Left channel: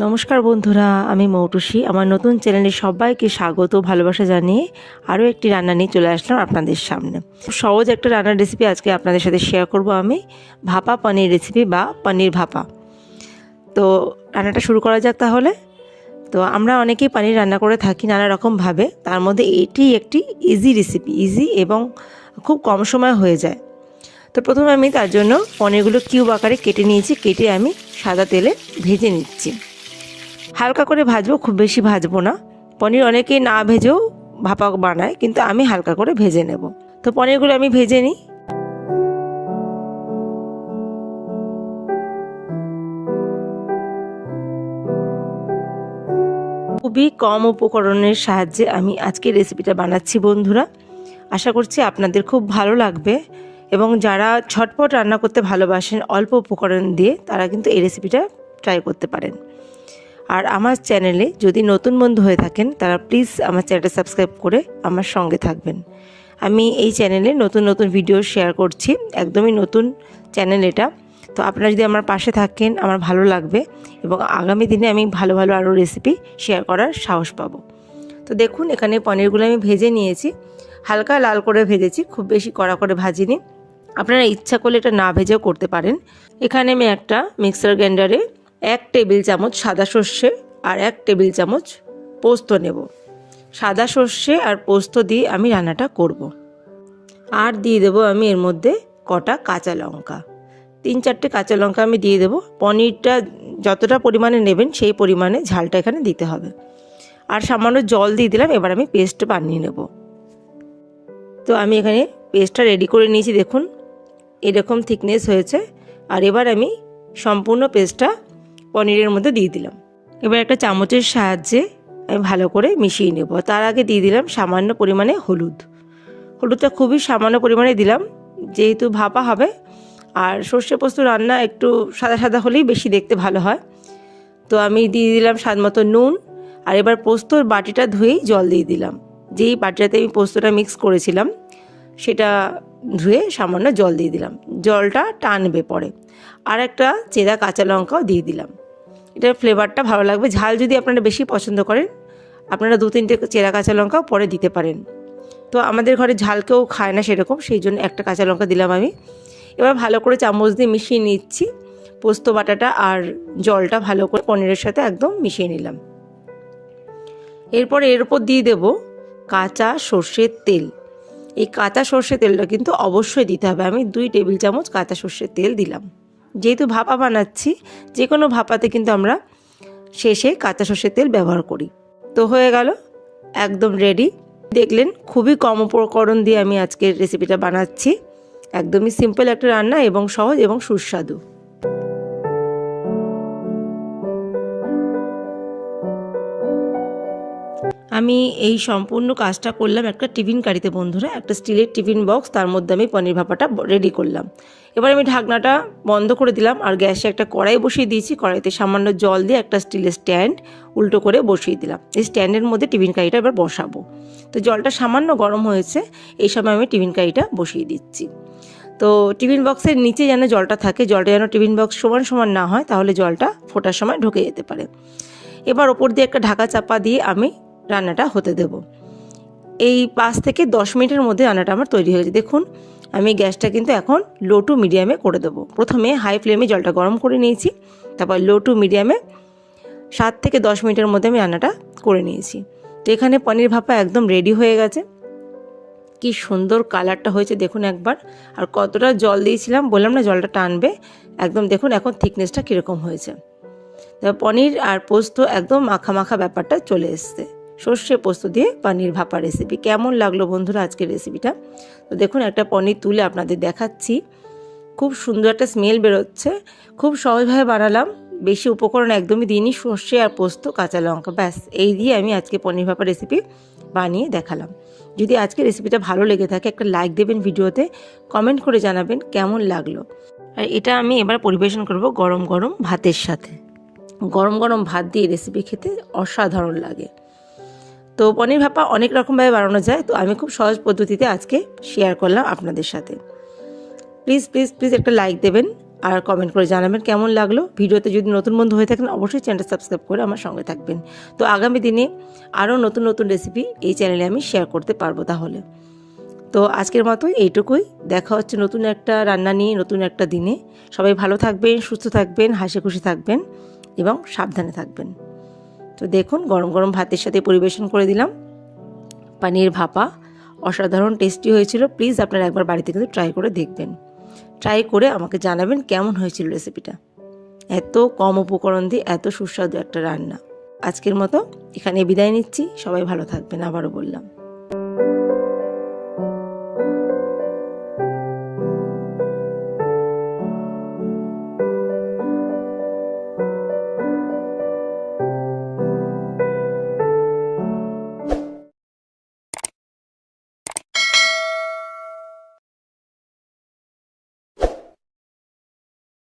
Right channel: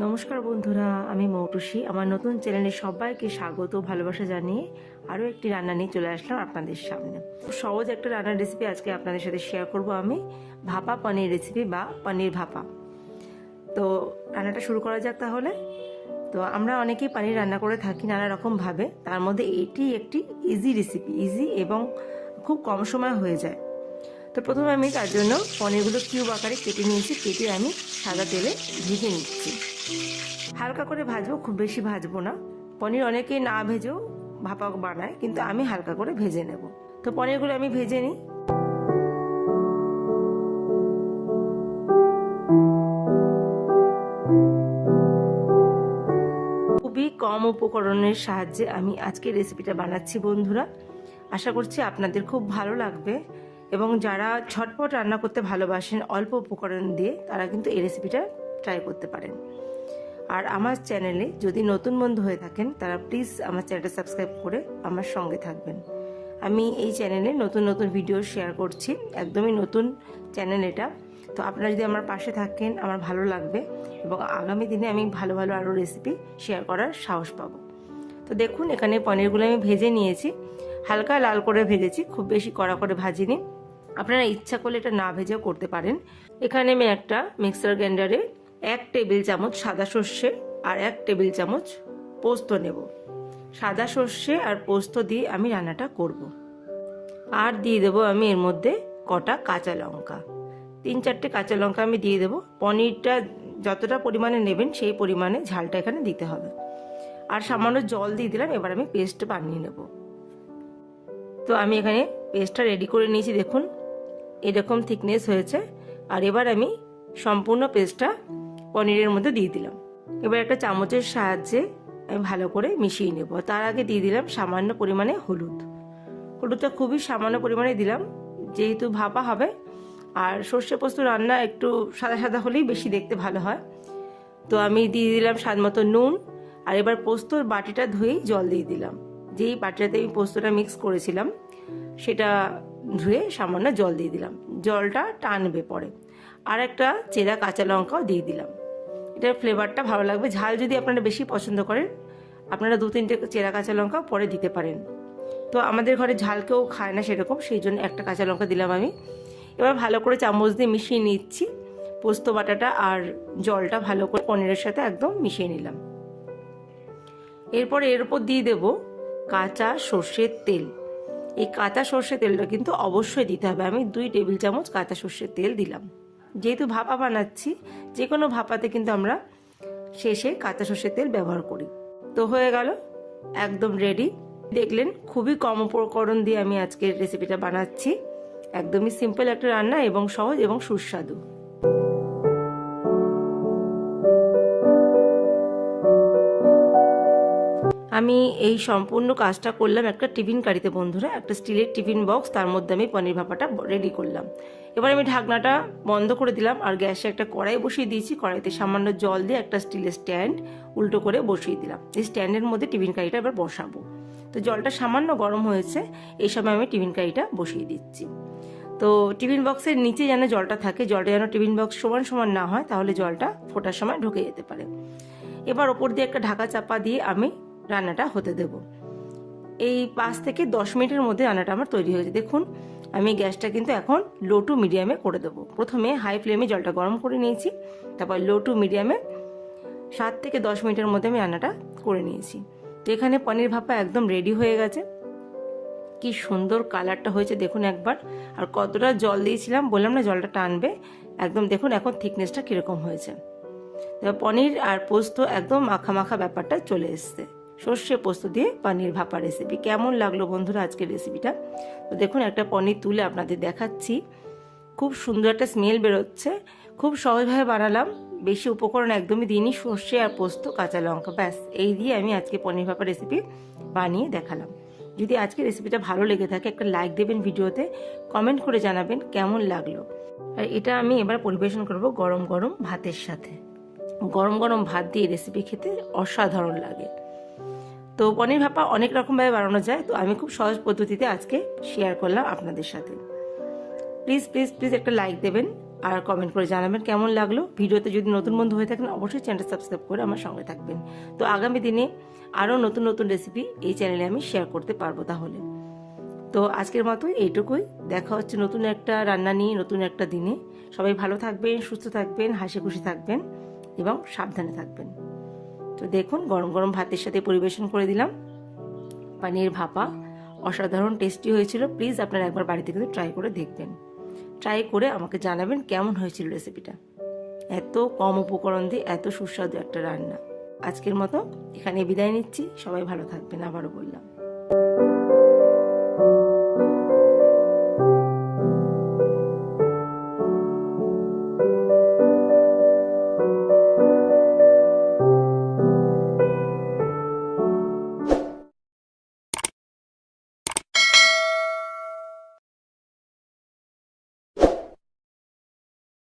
নমস্কার বন্ধুরা, আমি মৌটুসী। আমার নতুন চ্যানেলে সবাইকে স্বাগত ভালোবাসা জানিয়ে আরও একটি রান্না নিয়ে চলে আসলাম আপনাদের সামনে। সহজ একটা রান্নার রেসিপি আজকে আপনাদের সাথে শেয়ার করব আমি, ভাপা পনির রেসিপি বা পনির ভাপা। তো রান্নাটা শুরু করা যাক তাহলে। তো আমরা অনেকেই পনির রান্না করে থাকি নানা রকমভাবে, তার মধ্যে এটি একটি ইজি রেসিপি, ইজি এবং খুব কম সময় হয়ে যায়। তো প্রথমে আমি তার জন্য পনিরগুলো কিউব আকারে কেটে নিয়েছি, কেটে আমি সাদা তেলে ভেজে নিচ্ছি। হালকা করে ভাজবো, খুব বেশি ভাজবো না। পনির অনেকেই না ভেজেও ভাপা বানায়, কিন্তু আমি হালকা করে ভেজে নেব। তো পনিরগুলো আমি ভেজে নিই। খুবই কম উপকরণের সাহায্যে আমি আজকের রেসিপিটা বানাচ্ছি বন্ধুরা। আশা করছি আপনাদের খুব ভালো লাগবে, এবং যারা ঝটপট রান্না করতে ভালোবাসেন অল্প উপকরণ দিয়ে, তারা কিন্তু এই রেসিপিটা ট্রাই করতে পারেন। আর আমার চ্যানেলে যদি নতুন বন্ধু হয়ে থাকেন, তারা প্লিজ আমার চ্যানেলটা সাবস্ক্রাইব করে আমার সঙ্গে থাকবেন। আমি এই চ্যানেলে নতুন নতুন ভিডিও শেয়ার করছি, একদমই নতুন চ্যানেল এটা। তো আপনারা যদি আমার পাশে থাকেন আমার ভালো লাগবে, এবং আগামী দিনে আমি ভালো ভালো আরও রেসিপি শেয়ার করার সাহস পাবো। তো দেখুন, এখানে পনিরগুলো আমি ভেজে নিয়েছি, হালকা লাল করে ভেজেছি, খুব বেশি কড়া করে ভাজিনি। আপনারা ইচ্ছা করলে এটা না ভেজেও করতে পারেন। এখানে আমি একটা মিক্সার গ্রাইন্ডারে 1 টেবিল চামচ সাদা সর্ষে আর 1 টেবিল চামচ পোস্ত নেব। সাদা সর্ষে আর পোস্ত দিয়ে আমি রান্নাটা করব। আর দিয়ে দেবো আমি এর মধ্যে কটা কাঁচা লঙ্কা, 3-4টে কাঁচা লঙ্কা আমি দিয়ে দেবো। পনিরটা যতটা পরিমাণে নেবেন সেই পরিমাণে ঝালটা এখানে দিতে হবে। আর সামান্য জল দিয়ে দিলাম। এবার আমি পেস্ট বানিয়ে নেব। তো আমি এখানে পেস্টটা রেডি করে নিয়েছি, দেখুন এরকম থিকনেস হয়েছে। আর এবার আমি সম্পূর্ণ পেস্টটা পনিরের মধ্যে দিয়ে দিলাম। এবার একটা চামচের সাহায্যে আমি ভালো করে মিশিয়ে নেব। তার আগে দিয়ে দিলাম সামান্য পরিমাণে হলুদটা খুবই সামান্য পরিমাণে দিলাম, যেহেতু ভাপা হবে। আর সর্ষে পোস্ত রান্না একটু সাদা সাদা হলেই বেশি দেখতে ভালো হয়। তো আমি দিয়ে দিলাম স্বাদ মতো নুন। আর এবার পোস্তর বাটিটা ধুয়েই জল দিয়ে দিলাম। যেই বাটিটাতে আমি পোস্তটা মিক্স করেছিলাম সেটা ধুয়ে সামান্য জল দিয়ে দিলাম, জলটা টানবে পরে। আর একটা চেরা কাঁচা লঙ্কাও দিয়ে দিলাম, এটার ফ্লেভারটা ভালো লাগবে। ঝাল যদি আপনারা বেশি পছন্দ করেন, আপনারা 2-3টে চেরা কাঁচা লঙ্কাও পরে দিতে পারেন। তো আমাদের ঘরে ঝাল কেউ খায় না সেরকম, সেই জন্য একটা কাঁচা লঙ্কা দিলাম আমি। এবার ভালো করে চামচ দিয়ে মিশিয়ে নিচ্ছি পোস্ত বাটাটা আর জলটা, ভালো করে পনিরের সাথে একদম মিশিয়ে নিলাম। এরপর এর উপর দিয়ে দেব কাঁচা সর্ষের তেল। এই কাঁচা সর্ষের তেলটা কিন্তু অবশ্যই দিতে হবে। আমি 2 টেবিল চামচ কাঁচা সর্ষের তেল দিলাম। যেহেতু ভাপা বানাচ্ছি, যে কোনো ভাপাতে কিন্তু আমরা শেষে কাঁচা সর্ষের তেল ব্যবহার করি। তো হয়ে গেল, একদম রেডি। দেখলেন খুবই কম উপকরণ দিয়ে আমি আজকের রেসিপিটা বানাচ্ছি। একদমই সিম্পল একটা রান্না, এবং সহজ এবং সুস্বাদু। আমি এই সম্পূর্ণ কাজটা করলাম একটা টিফিন কারিতে বন্ধুরা, একটা স্টিলের টিফিন বক্স, তার মধ্যে আমি পনির ভাপাটা রেডি করলাম। এবার আমি ঢাকনাটা বন্ধ করে দিলাম, আর গ্যাসে একটা কড়াই বসিয়ে দিয়েছি। কড়াইতে সামান্য জল দিয়ে একটা স্টিলের স্ট্যান্ড উল্টো করে বসিয়ে দিলাম। এই স্ট্যান্ডের মধ্যে টিফিন কারিটা এবার বসাবো। তো জলটা সামান্য গরম হয়েছে, এই সময় আমি টিফিন কারিটা বসিয়ে দিচ্ছি। তো টিফিন বক্সের নিচে যেন জলটা থাকে, জলটা যেন টিফিন বক্স সমান সমান না হয়, তাহলে জলটা ফোটার সময় ঢুকে যেতে পারে। এবার ওপর দিয়ে একটা ঢাকা চাপা দিয়ে আমি রান্নাটা হতে দেব। এই 5 থেকে 10 মিনিটের মধ্যে রান্নাটা আমার তৈরি হয়েছে। দেখুন আমি গ্যাসটা কিন্তু এখন লো টু মিডিয়ামে করে দেবো। প্রথমে হাই ফ্লেমে জলটা গরম করে নিয়েছি, তারপর লো টু মিডিয়ামে 7 থেকে 10 মিনিটের মধ্যে আমি রান্নাটা করে নিয়েছি। তো এখানে পনির ভাপা একদম রেডি হয়ে গেছে। কি সুন্দর কালারটা হয়েছে দেখুন একবার। আর কতটা জল দিয়েছিলাম বললাম না, জলটা টানবে একদম। দেখুন এখন থিকনেসটা কীরকম হয়েছে। পনির আর পোস্ত একদম মাখা মাখা ব্যাপারটা চলে এসছে। সর্ষে পোস্ত দিয়ে পনির ভাপা রেসিপি কেমন লাগলো বন্ধুরা আজকের রেসিপিটা? তো দেখুন একটা পনির তুলে আপনাদের দেখাচ্ছি, খুব সুন্দর একটা স্মেল বেরোচ্ছে। খুব সহজভাবে বানালাম, বেশি উপকরণ একদমই দিইনি, সর্ষে আর পোস্ত কাঁচা লঙ্কা, ব্যাস এই দিয়ে আমি আজকে পনির ভাপা রেসিপি বানিয়ে দেখালাম। যদি আজকে রেসিপিটা ভালো লেগে থাকে একটা লাইক দেবেন ভিডিওতে, কমেন্ট করে জানাবেন কেমন লাগলো। আর এটা আমি এবার পরিবেশন করব গরম গরম ভাতের সাথে। গরম গরম ভাত দিয়ে রেসিপি খেতে অসাধারণ লাগে। তো পনির ভাপা অনেক রকমভাবে বানানো যায়, তো আমি খুব সহজ পদ্ধতিতে আজকে শেয়ার করলাম আপনাদের সাথে। প্লিজ প্লিজ প্লিজ একটা লাইক দেবেন, আর কমেন্ট করে জানাবেন কেমন লাগলো। ভিডিওতে যদি নতুন বন্ধু হয়ে থাকেন অবশ্যই চ্যানেলটা সাবস্ক্রাইব করে আমার সঙ্গে থাকবেন। তো আগামী দিনে আরও নতুন নতুন রেসিপি এই চ্যানেলে আমি শেয়ার করতে পারবো তাহলে। তো আজকের মতো এইটুকুই। দেখা হচ্ছে নতুন একটা রান্না নিয়ে নতুন একটা দিনে। সবাই ভালো থাকবেন, সুস্থ থাকবেন, হাসি খুশি থাকবেন এবং সাবধানে থাকবেন। তো দেখুন গরম গরম ভাতের সাথে পরিবেশন করে দিলাম পানির ভাপা। অসাধারণ টেস্টি হয়েছিল। প্লিজ আপনারা একবার বাড়িতে কিন্তু ট্রাই করে দেখবেন। ট্রাই করে আমাকে জানাবেন কেমন হয়েছিল রেসিপিটা। এত কম উপকরণ দিয়ে এত সুস্বাদু একটা রান্না। আজকের মতো এখানে বিদায় নিচ্ছি। সবাই ভালো থাকবেন, আবারও বললাম।